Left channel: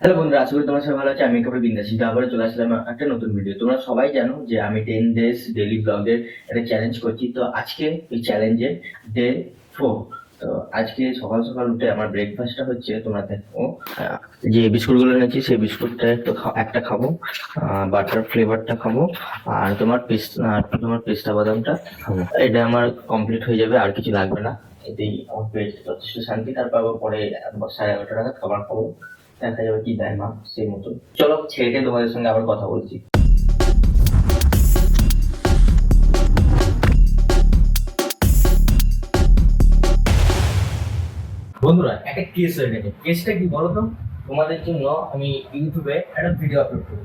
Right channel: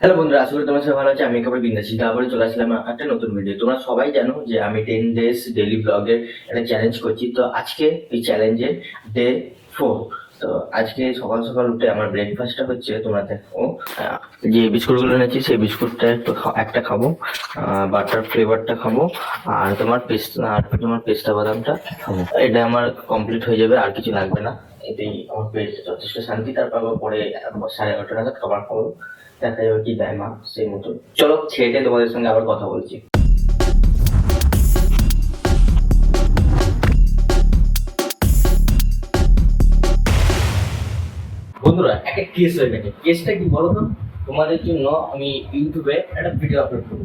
Hello বন্ধুরা, আশা করি তোমার সবাই ভালো আছে। আমি একেবারে বিন্দাস আবার চলে আসলাম একটা নতুন ভিডিও। তোমরা সবাই জানো যে আমি 10 days ডেইলি ব্লগের একটা চ্যালেঞ্জ করছি। তো আজকে এই চ্যালেঞ্জে ডে 4। তো আজকে সকাল সকাল উঠে আমার ব্রেকফাস্টটা হচ্ছে, তোমরা দেখো যে বিস্কুটগুলো এনেছি সেই বিস্কুটটা একটা খাবো, বাটার ফ্লেভারটা খাবো, আর তোমার পেস্তা বাদামটা খাবো। এটা আমার কমপ্লিট হয়ে যাবে, আর কিছু লাগবে না। এতেই আমার পেট যথেষ্ট শান্তি। তারপর আবার পরে 11:30 নাগাদ খাবার খাবো। দেখা যাবে কি দেয় মা, সেই মতন। চলো ছেড়ে দিয়ে তোমাদের সঙ্গে আবার কথা বলছি। বন্ধুরা, একটা কেস হয়ে গেছে। কেসটা কি বলো তো? তোমাদের জন্য আমি ইউটিউবে একটা ভিডিও আপলোড করবো।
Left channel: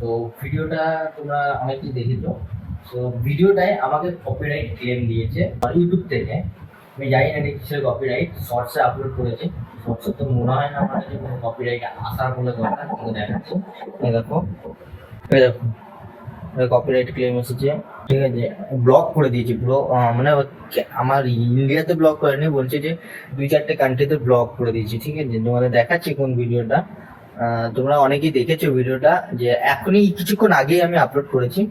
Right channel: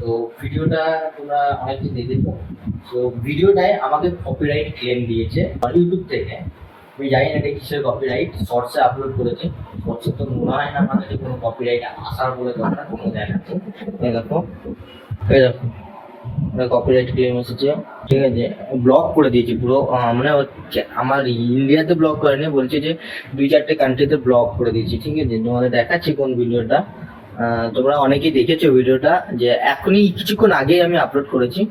তো ভিডিওটা তোমরা অনেকেই দেখেছো। তো ভিডিওটায় আমাকে কপিরাইট ক্লেম দিয়েছে ইউটিউব থেকে। আমি জানি না এটা কিসের কপিরাইট। শর্টসে আপলোড করেছি। শর্টসে তো মনে হয় না আমার কাছে কোনো কপিরাইট আসার বলে কথা। তোমরা দেখাচ্ছি, এই দেখো, এই দেখো, কপিরাইট ক্লেম এসেছে। ঠিক আছে, ব্লক করে দিয়েছি। ব্লক মানে আমার ইন্ডিয়াতে ব্লক করেনি, বলছে যে 2-4টে কান্ট্রিতে ব্লক করে দিয়েছি। ঠিক আছে, তোমাদের দেখাচ্ছি কোন ভিডিওটা। তোমরা অনেকেই দেখেছো ভিডিওটা, যে এখনই কিছুক্ষণ আগেই আমি আপলোড করেছি।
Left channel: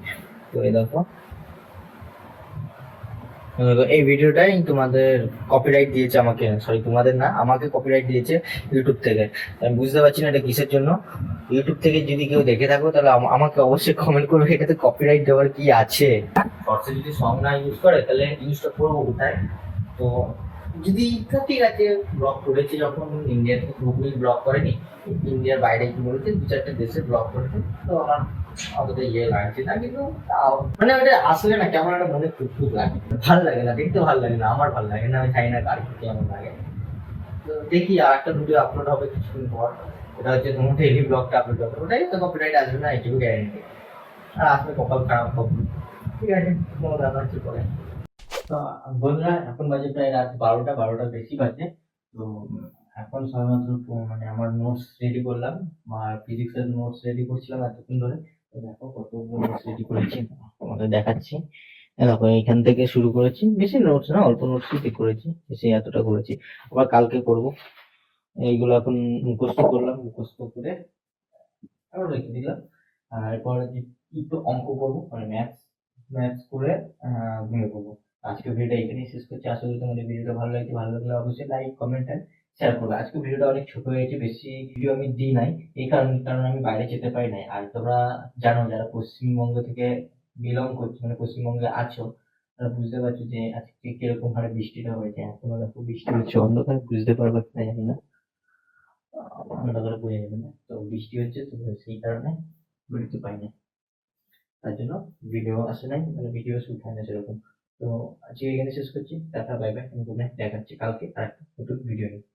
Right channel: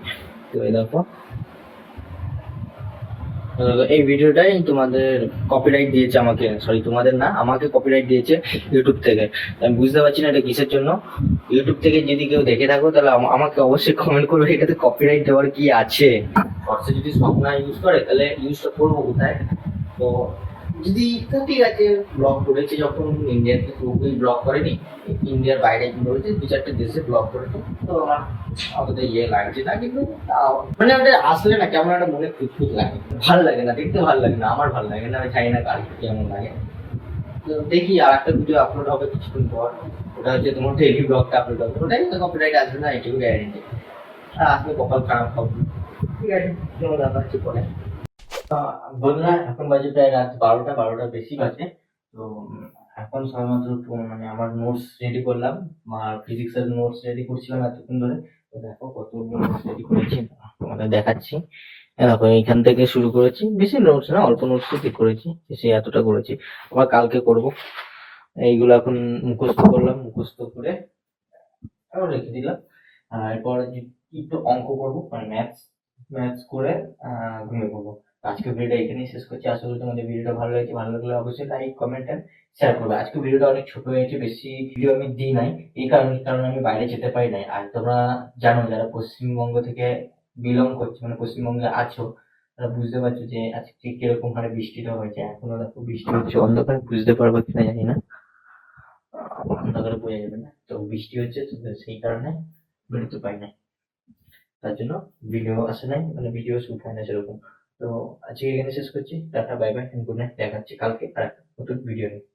তো এই দেখো, এই ভিডিওটাই তোমাদের কপিরাইট দিয়েছে আমাকে, সরি তোমাদের না, আমাকে কপিরাইট দিয়েছে ইউটিউব থেকে। আমি বুঝতে পারছি না এটা কিসের জন্য। ইউটিউব থেকে যদি কেউ দেখে থাকো তাহলে আমাকে অবশ্যই কমেন্ট করবে এটাতে কপিরাইট দেওয়ার কি আছে। শর্টসে যদি সং না ইউজ করে তাহলে ইউজটা করবো কোথায়? তো যদি তো ঠিক আছে, ব্লগ করেছে যখন, ইন্ডিয়াতে পুরোপুরি ব্লগ করেনি, ইন্ডিয়ার বাইরে কি করেছে 2-4টে দেশে ব্লগ করেছে। তো আমার অতটা ইয়ে লাগছে না, কিন্তু তাও মানে ওটা আসলে না কেমন একটা মনে খুঁতখুত লাগে, ভাল লাগে না, দেখতে ভাল লাগে না, আমার ভাল লাগে না। আমি জানি না কার কেমন লাগে। তো দেখি আর একটা ভিডিও আপলোড হবে কিছুক্ষণ পর। ওটা হচ্ছে তোমার ডেইলি ব্লগটা আপলোড হবে, ওটাই তো কপিরাইট আসবে না, এটুকু গ্যারেন্টি। আর আসলে কপাল খারাপ হবে। ঠিক আছে, কেমন ব্যাপার হচ্ছে পরে। বন্ধুরা, এখন বাজে প্রায় রাত 12টা বেশি বাজে। তো এখন সবেমাত্র মানে আমার নোটস রেডি করলাম। আর ফিজিক্সের নোটস রেডি করছিলাম এতক্ষণ ধরে। তো দেখো কত নোটস রেডি করেছি, তোমাদের দেখাচ্ছি। দেখো, এখান থেকে শুরু করেছি, বেশি নোটস না, অল্প নোটস ঠিক করেছি, বেশি এতটা করেছি। আবার কালকে করব। এইগুলো এখন মুখস্থ করলাম, মুখস্থ করে আবার রেখে দিলাম। আর এরপর একটু অঙ্ক করবো, মানে ম্যাথস। ম্যাথস করে ঘুমিয়ে পড়বো। আজকে ভিডিওটা এখানেই শেষ করছি। আশা করি তোমাদের ভিডিওটা ভালো লাগছে। ভালো লাগলে অবশ্যই লাইক, কমেন্ট এন্ড শেয়ার করবে। আজকে ভিডিওটা অনেক ছোট হয়েছে, বেশি ভিডিও আমি দিই নাই। এই কারণে আমি বাইরে যেতে পারি নাই। আর তোমরা জানো, যারা পশ্চিমবঙ্গ থেকে বিলং করছো, মানে পশ্চিমবঙ্গে আছো, তারা বুঝতে পারছো যে আজকে কিরকম হারে বৃষ্টিটা হয়েছে। এখনো দেখো বৃষ্টি হচ্ছে, অন্ধকারে বুঝতে পারবে কিনা জানি না, অন্ধকারে বোঝা যাবে না। তো বৃষ্টি হচ্ছে, তো সেই কারণে বেরোতে পারি নাই। তার জন্য ভিডিও আসে নাই, মানে ভিডিও শুট হয় না সেরকম। তো আজকে এখানে শেষ করছি। Tata, bye bye, good night. দেখা হচ্ছে কালকে আর একটা নতুন ভিডিও নিয়ে।